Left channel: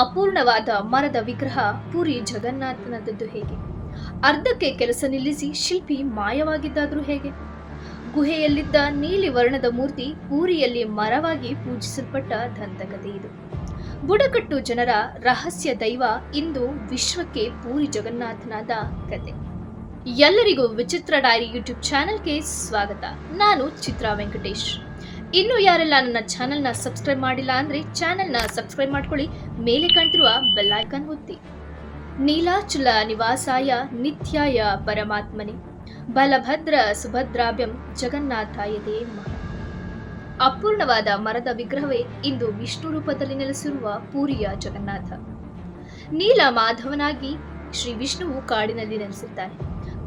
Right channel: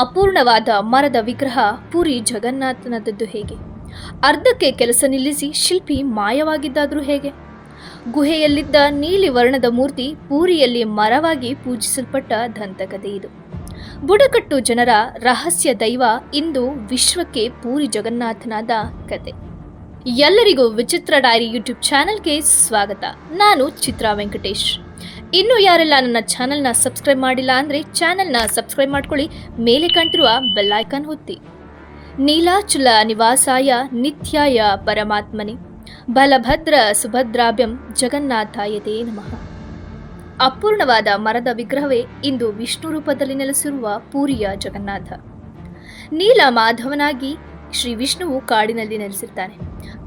ಅಪೂರ್ಣವಾದ ಮರದ ವಿಗ್ರಹ ಪುರಿ ಜಗನ್ನಾಥನದ್ದು ಹೇಗೆ? ಅರ್ಧಕ್ಕೆ ಕೆಲಸ ನಿಲ್ಲಿಸಿ ಶಿಲ್ಪಿ ಮಾಯವಾಗಿದ್ದಾದರೂ ಹೇಗೆ? ಗುಹೆಯಲ್ಲಿದ್ದ ನೀಲಿ ವರ್ಣದ ಮೂರ್ತಿ ಪೂರಿಯಲ್ಲಿ ಮರವಾಗಿ ಪೂಜಿಸಲ್ಪಟ್ಟ ದಂತಕಥೆ ಇದು. ಬುಡಕಟ್ಟು ಜನರ ರಹಸ್ಯ ದೈವ ಇಂದು ವಿಶ್ವಕ್ಕೆ ಪೂರಿ ಜಗನ್ನಾಥನಾದ ಕತೆ. ಎಲ್ಲರಿಗೂ ವಿಚಿತ್ರ ಡೈರಿ ಯೂಟ್ಯೂಬ್ ಚಾನೆಲ್ಗೆ ಸ್ವಾಗತ. ನಾನು ಚಿತ್ರಾ ವೆಂಕಟೇಶ್. ಇನ್ನೂ ಯಾರೆಲ್ಲ ನನ್ನ ಚಾನೆಲ್ನ ಸಬ್ಸ್ಕ್ರೈಬ್ ಮಾಡಿಲ್ಲ ಅಂದರೆ ಚಾನೆಲ್ನ ಸಬ್ಸ್ಕ್ರೈಬ್ ಮಾಡ್ಕೊಳ್ಳಿ, ಮೇಲೆ ಕಾಣ್ತಿರುವ ಬೆಲ್ ಐಕಾನ್ ಒತ್ತಿ. ನೀಲಾಚಲ ನಿವಾಸಾಯ ನಿತ್ಯಾಯ ಪರಮಾತ್ಮನೆ ಬಲಭದ್ರ ಸುಭದ್ರಾಭ್ಯಂ ಜಗನ್ನಾಥಾಯತೆ ನಮಃ. ಅಪೂರ್ಣವಾದ ಮರದ ವಿಗ್ರಹವೇ ಇಂದು ವಿಷ್ಣು ರೂಪದಲ್ಲಿ ನೆಲೆಸಿರುವ ಪೂರಿಯ ಜಗನ್ನಾಥ. ನೀಲ ಮಾಧವನಾಗಿ ಶ್ರೀ ವಿಷ್ಣುವು ಕಾಡಿನಲ್ಲಿ ನೆಲೆಸಿರ್ತಾನೆ.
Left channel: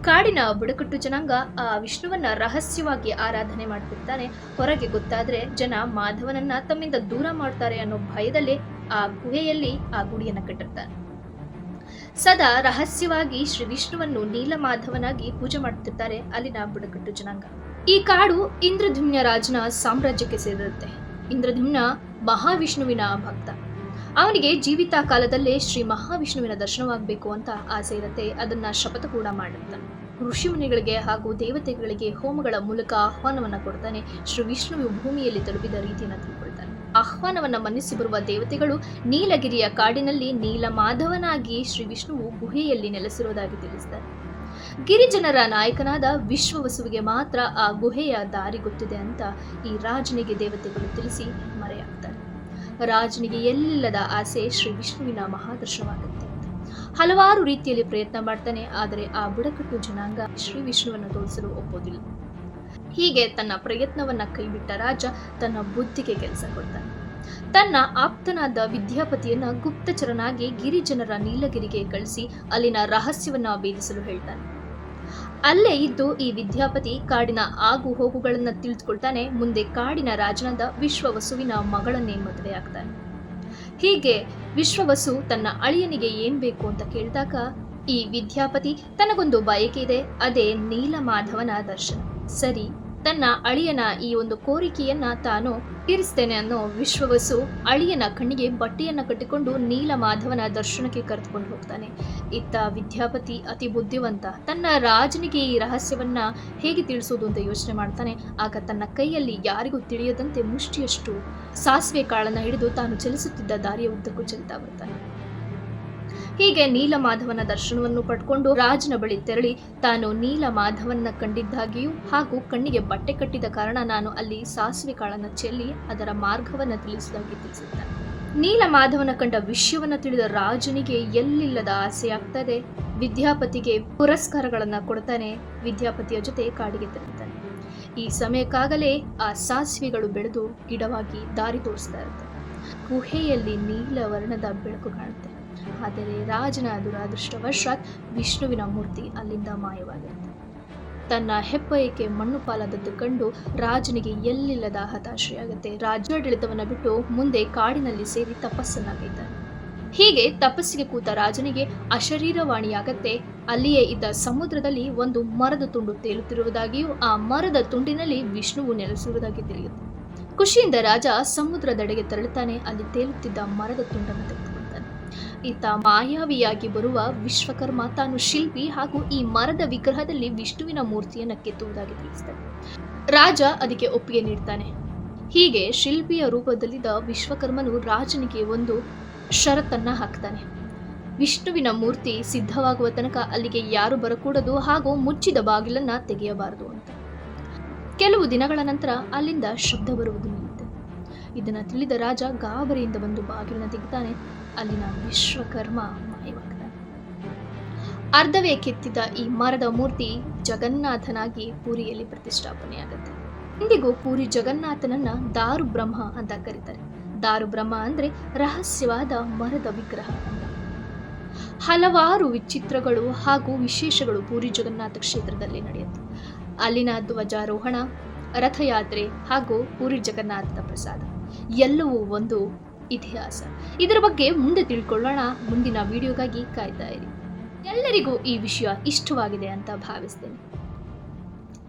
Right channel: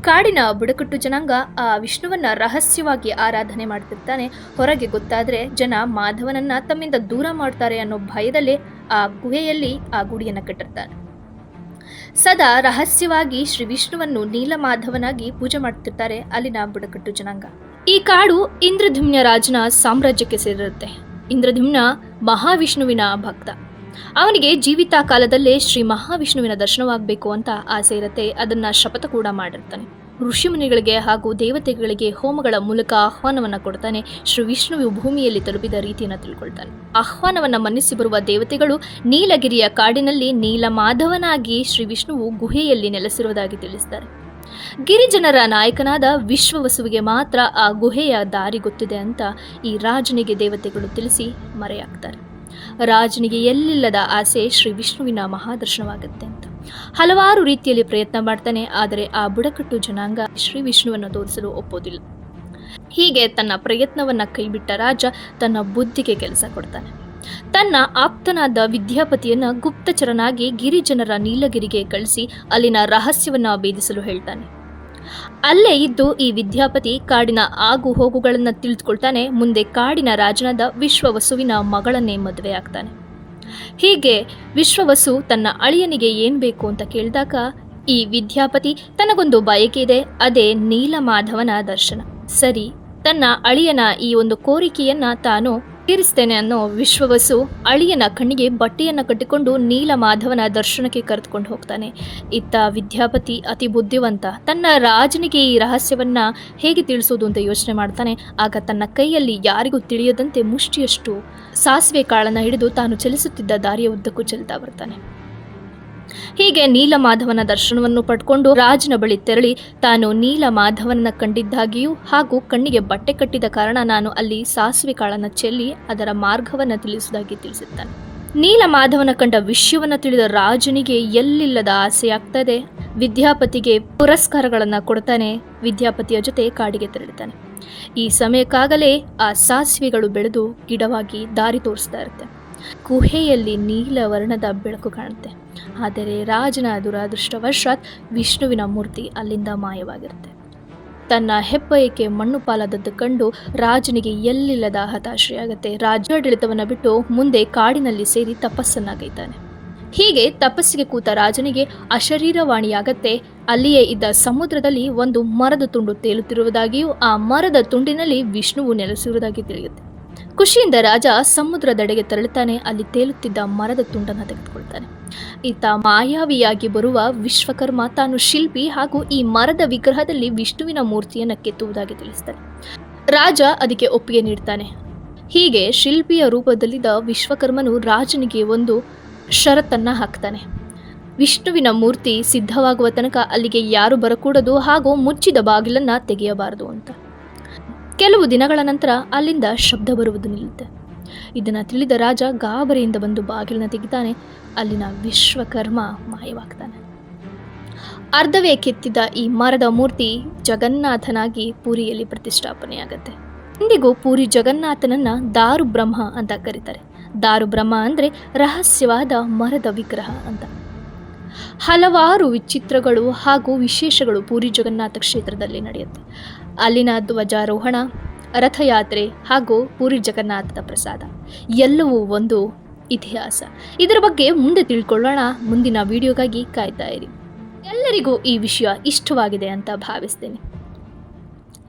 ಕಾಡಿನ ಬುಡಕಟ್ಟು ಜನಾಂಗ ಆ ವಿಷ್ಣುವನ್ನ ರಹಸ್ಯವಾಗಿ ಆರಾಧನೆ ಮಾಡ್ತಿರ್ತಾನೆ. ಹೊರಗೆ ಗೊತ್ತಾದ್ರೆ ಜನ ಮಾಧವನನ್ನ ತಮ್ಮಿಂದ ದೂರ ಮಾಡ್ತಾರೆ ಅನ್ನೋ ಭಯದಲ್ಲೇ ಆ ಗುಹೆಯಲ್ಲಿ ಆ ಗುಡಿಯನ್ನು ಕಟ್ಟಿರ್ತಾನೆ. ಸದಾ ರಹಸ್ಯವಾಗಿ ಶ್ರೀ ವಿಷ್ಣುವನ್ನು ನೀಲಮಾಧವನಾಗಿ ಪೂಜೆ ಮಾಡ್ತಿರ್ತಾರೆ ಅಲ್ಲಿನ ಬುಡಕಟ್ಟು ಜನಾಂಗ. ಈ ಕಾಡು ಇಂದ್ರದ್ಯುಮ್ನ ರಾಜನ ಸಾಮ್ರಾಜ್ಯಕ್ಕೆ ಸೇರಿರುತ್ತೆ. ಇಂದ್ರದ್ಯುಮ್ನ ಮಹಾವಿಷ್ಣುವಿನ ಭಕ್ತ. ಅವನಿಗೆ ಜೀವಿತ ಕಾಲದಲ್ಲೇ ಶ್ರೀ ಮಹಾವಿಷ್ಣುವಿನ ದರ್ಶನವಾಗಬೇಕು ಅಂತ ಆಸೆ ಇರುತ್ತೆ. ಅದನ್ನ ಶಪಥ ಕೂಡ ಮಾಡಿರ್ತಾನೆ. ಋಷಿಮುನಿಗಳಿಗೆ ಹಾಗೂ ದೇವತೆಗಳಿಗೆ ಹೋಮಗಳ ಮೂಲಕ ಆಹ್ವಾನವನ್ನ ಕೊಡ್ತಾನೆ. ಶ್ರೀ ವಿಷ್ಣುವು ಭೂಮಿಯಲ್ಲಿ ತಲುಪಿದ ರೀತಿಯನ್ನು ತಿಳ್ಕೊಳ್ತಾನೆ. ಆಹ್ವಾನವನ್ನ ಮನ್ನಿಸಿ ಬರುವ ದೇವತೆಗಳು ನೀಲಗಿರಿಯ ಕಾಡಿನಲ್ಲಿ ನೀಲಮಾಧವನಾಗಿ ಶ್ರೀ ವಿಷ್ಣುವು ಗುಹೆಯಲ್ಲಿ ನೆಲೆಸಿರುವುದಾಗಿ ತಿಳಿಸ್ತಾರೆ. ಗಿರಿಜನರ ನಾಯಕನಾದ ವಿಶ್ವವಸುವಿಗೆ ಮಾತ್ರ ಆ ಗುಹೆಯ ದಾರಿ ಗೊತ್ತಿದೆ ಅಂತ ಈ ರಾಜನಿಗೆ ದೇವತೆಗಳು ತಿಳಿಸಿ ಮರೆಯಾಗ್ತಾರೆ. ರಾಜನಿಗೆ ಎಲ್ಲಿಲ್ಲದ ಆಸೆ ಶ್ರೀ ವಿಷ್ಣುವಿನ ಮಹಾದರ್ಶನವಾಗುತ್ತೆ ಅಂತ ಹಲವಾರು ರೀತಿಯಲ್ಲಿ ಪ್ರಯತ್ನ ಮಾಡ್ತಾನೆ. ಆದರೆ ಆ ಬುಡಕಟ್ಟು ಜನಾಂಗ ಶ್ರೀ ವಿಷ್ಣುವನ್ನು ತೋರಿಸಲು ಒಪ್ಪೋದಿಲ್ಲ. ಹೀಗೆ ತನ್ನ ಪ್ರಯತ್ನವನ್ನ ಕೈಬಿಟ್ಟ ರಾಜ ತನ್ನ ಬುದ್ಧಿಗೆ ಕೆಲಸ ಕೊಡ್ತಾನೆ. ತನ್ನ ಆಪ್ತನಾದ ವಿದ್ಯಾಪತಿಯನ್ನ ಗುಪ್ತಚರನಾಗಿ ಗಿರಿಜನರ ನೀಲಗಿರಿಗೆ ಕಳಿಸಿ ಅಲ್ಲಿನ ರಹಸ್ಯವನ್ನ ಭೇದಿಸಲು ಹೇಳ್ತಾನೆ. ಅಲ್ಲೇ ಇದ್ದು ಈ ವಿದ್ಯಾಪತಿ ಕಾಡಿನ ಆಗು ಹೋಗುಗಳನ್ನು ತಿಳಿದುಕೊಳ್ತಾನೆ. ಮುಂದೆ ಕಾಡಿನ ರಾಜನಾದ ವಿಶ್ವವಸುವಿನ ಮಗಳನ್ನೇ ಮದುವೆ ಆಗ್ತಾನೆ. ಹೀಗೆ ವಿಶ್ವವಸು ತನ್ನ ಅಳಿಯನಿಗೆ ಏನ್ ಬೇಕು ಅಂತ ಕೇಳಿದಾಗ ಈ ವಿದ್ಯಾಪತಿ ತನಗೊಂದು ಬಯಕೆ ಇದೆ, ಅದೇ ನೀಲಮಾಧವನ ದರ್ಶನ. ಸರಿ, ತನ್ನ ಅಳಿಯನ ಈ ಒಂದು ಕೋರಿಕೆಯನ್ನ ತಾನು ತೀರಿಸ್ತೇನೆ ಅನ್ನೋ ವಿಶ್ವವಸು ಅಳಿಯನ ಕಣ್ಣಿಗೆ ಬಟ್ಟೆಯನ್ನು ಕಟ್ಟಿಕೊಂಡು ನೀಲಮಾಧವನ ದರ್ಶನಕ್ಕೆ ಕರೆದುಕೊಂಡು ಹೋಗ್ತಾನೆ. ಇತ್ತ ವಿದ್ಯಾಪತಿ ಅತಿ ಬುದ್ಧಿವಂತ. ತನ್ನ ರಾಜನಿಗೆ ಈ ರಹಸ್ಯವನ್ನ ಹೇಗೆ ತಿಳಿಸೋದು ಅಂತ ಯೋಚನೆ ಮಾಡ್ತಾನೆ. ಆಗ ತನ್ನ ಕೈಯಲ್ಲಿ ಯಾರಿಗೂ ತಿಳಿಯದಂತೆ ಮುಷ್ಟಿಯಷ್ಟು ಸಾಸಿವೆ ಕಾಳನ್ನು ಹಿಡಿದು ತಾನು ಚಲಿಸುತ್ತಿದ್ದ ದಾರಿಯ ಉದ್ದಕ್ಕೂ ಚೆಲ್ತಾ ಬರ್ತಾನೆ. ಹೀಗೆ ನೀಲಮಾಧವನ ದರ್ಶನವನ್ನು ಪಡ್ಕೊಂಡು ರಾಜನ ಬಳಿ ತೆರಳಿ ತಾನು ನೀಲಮಾಧವನ ಕಂಡಿದ್ದಾಗಿಯೂ ಹಾಗೂ ಕಣ್ಣಿಗೆ ಬಟ್ಟೆ ಕಟ್ಟಿದ ಕಾರಣ ನಾನು ಅಲ್ಲಿ ಸಾಸಿವೆ ಕಾಳನ್ನು ಚೆಲ್ಲಿ ಅದರ ಮಾರ್ಗವನ್ನು ತಿಳಿಸುವುದಾಗಿ ತಿಳಿಸುತ್ತಾನೆ. ನೀಲಮಾಧವನ ಕಂಡ ವಿಷಯವನ್ನು ತಿಳಿದ ರಾಜನಿಗೆ ಎಲ್ಲಿಲ್ಲದ ಆಸೆಯಾಗ್ತದೆ. ವಿದ್ಯಾಪತಿಗೆ ಪುರಸ್ಕಾರಗಳನ್ನು ಕೊಡ್ತಾನೆ. ವಿದ್ಯಾಪತಿಯ ಜೊತೆ ಕಾಡಿಗೆ ತೆರಳುತ್ತಾನೆ. ಈ ಸಮಯಕ್ಕಾಗಲೇ ಆ ಸಾಸಿವೆಗಳು ಬೆಳೆದು ಗಿಡವಾಗಿ ದಾರಿ ತೋರಿಸ್ತಾ ಇರುತ್ತೆ. ಗುಹೆಯಲ್ಲಿ ನೀಲ ವರ್ಣದ ಬೆಳಕು ಕಾಣುತ್ತೆ. ಆದರೆ ರಾಜನ ದುರಾದೃಷ್ಟವಶಾತ್ ವಿಷ್ಣುವಿನ ಮೂರ್ತಿ ಅಲ್ಲಿಂದ ಮಾಯವಾಗಿರುತ್ತೆ. ತನ್ನ ಹೆಬ್ಬಯಕ್ಕೆ ಮಣ್ಣು ಪಾಲಾದದ್ದು ಕಂಡು ರಾಜನಿಗೆ ಎಲ್ಲಿಲ್ಲದ ಹತಾಶೆಯಾಗುತ್ತೆ. ರಾಜ್ಯಾಡಳಿತವನ್ನು ಬಿಟ್ಟು ಮುಂದೆ ಕಾಡಿನಲ್ಲಿ ಸೇರಿ ತಪಸ್ಸನ್ನಾಗೈತಾನೆ. ಹೀಗೆ ತಪಸ್ಸಿಗೆ ಕೂತ ರಾಜನಿಗೆ ಅಶರೀರವಾಣಿಯಾಗತ್ತೆ. ಅಲ್ಲಿಯೇ ಇದ್ದ ಸಮುದ್ರದಲ್ಲಿ ಒಂದು ಮರದ ತುಂಡು ತೇಲುತ್ತಿರುವುದಾಗಿಯೂ ಆ ಮರದ ತುಂಡಿನಲ್ಲಿ ವಿಷ್ಣುವು ನೆಲೆಸಿರುವುದಾಗಿ ತಿಳಿಯುತ್ತೆ. ಖುಷಿಯಿಂದ ರಾಜ ಸಮುದ್ರದೆಡೆಗೆ ತೆರಳುತ್ತಾನೆ. ಅಲ್ಲಿ ತೇಲುತ್ತಿದ್ದ ಮರದ ತುಂಡನ್ನು ತೆಗೆದುಕೊಳ್ತಾನೆ. ಈತ ಮಾಯಾವಿಯಾಗಿ ಬರುವ ವಿಶ್ವಕರ್ಮ ತಾನು ಶಿಲ್ಪಿ ಹಾಗೂ ಈ ಮರದ ವಿಗ್ರಹದಲ್ಲಿ ವಿಷ್ಣುವಿನ ಮೂರ್ತಿಯನ್ನು ಕೆತ್ತುವುದಾಗಿ ತಿಳಿಸ್ತಾನೆ. ರಾಜ ಅದಕ್ಕೆ ಒಪ್ಪಿಗೆ ನೀಡ್ತಾನೆ. ಹೀಗೆ ಶಿಲ್ಪಿಯ ರೂಪದಲ್ಲಿದ್ದ ವಿಶ್ವಕರ್ಮನು ರಾಜನಿಗೆ ಒಂದು ಷರತ್ತನ್ನ ಹಾಕ್ತಾನೆ. ವಿಷ್ಣುವಿನ ಮೂರ್ತಿ ಸಿದ್ಧವಾಗುವ ತನಕ ಅಲ್ಲಿಗೆ ಯಾರು ಬರಕೂಡದು ಹಾಗೂ ಮುಚ್ಚಿದ ಬಾಗಿಲನ್ನ ತೆಗೆಯಬಾರದು ಅಂತ. ಕೆಲವು ದಿನಗಳ ನಂತರ ಅಲ್ಲಿಂದ ಶಬ್ದ ಬರುವುದು ನಿಲ್ಲುತ್ತೆ. ಇದನ್ನು ತಿಳಿದ ರಾಜ ಗಾಬರಿಯಿಂದ ಬಂದು ಬಾಗಿಲನ್ನು ತೆಗಿತಾನೆ. ಅಲ್ಲಿನ ವಿಶ್ವಕರ್ಮ ಮಾಯವಾಗ್ತಾನೆ. ಅರ್ಧವೇ ಕೆತ್ತಿದ ಈ ಮರದ ಮೂರ್ತಿ ಜಗನ್ನಾಥನಾಗಿ ಪೂರಿಯಲ್ಲಿ ಪ್ರತಿಷ್ಠಾಪನೆಯಾಗತ್ತೆ. ಇಂದಿಗೂ ಪೂರಿ ಜಗನ್ನಾಥನನ್ನ ದಾರು ಬ್ರಹ್ಮ ಅಂತ ಕರೀತಾರೆ. ದಾರು ಬ್ರಹ್ಮ ಅಂದರೆ ರಹಸ್ಯವಾದ ಮರದ ವಿಗ್ರಹ ಅಂತ. ಹಲವಾರು ವಿಚಿತ್ರಗಳು ಹಾಗೂ ವಿಶೇಷಗಳು ಪೂರಿ ಜಗನ್ನಾಥ ಕ್ಷೇತ್ರದಲ್ಲಿ ನಡೆಯುತ್ತೆ. ಅಲ್ಲಿನ ಧ್ವಜಾರೋಹಣ, ರಥಯಾತ್ರೆ ಹಾಗೂ ಪೂರಿ ಜಗನ್ನಾಥದ ಪ್ರಸಾದ ಎಲ್ಲವೂ ಒಂದು ಇತಿಹಾಸ. ಇದರ ಬಗ್ಗೆ ಮುಂದೆ ತಿಳ್ಕೊಳ್ಳೋಣ. ಮುಂದಿನ ವಿಡಿಯೋಗಾಗಿ ಕಾಯ್ತಾ ಇರಿ. ಎಲ್ಲರಿಗೂ ಈ ವಿಷಯ ಇಷ್ಟವಾಗಿದೆ ಅಂತ ಭಾವಿಸ್ತೇನೆ.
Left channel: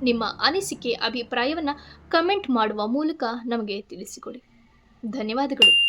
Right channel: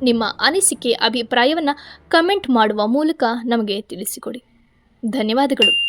ನಿಮ್ಮ ಅನಿಸಿಕೆ ಅಭಿಪ್ರಾಯವನ್ನು ಕಮೆಂಟ್ ಮಾಡುವ ಮೂಲಕ ನಮಗೆ ತಿಳಿಸಿಕೊಡಿ. ಧನ್ಯವಾದಗಳು.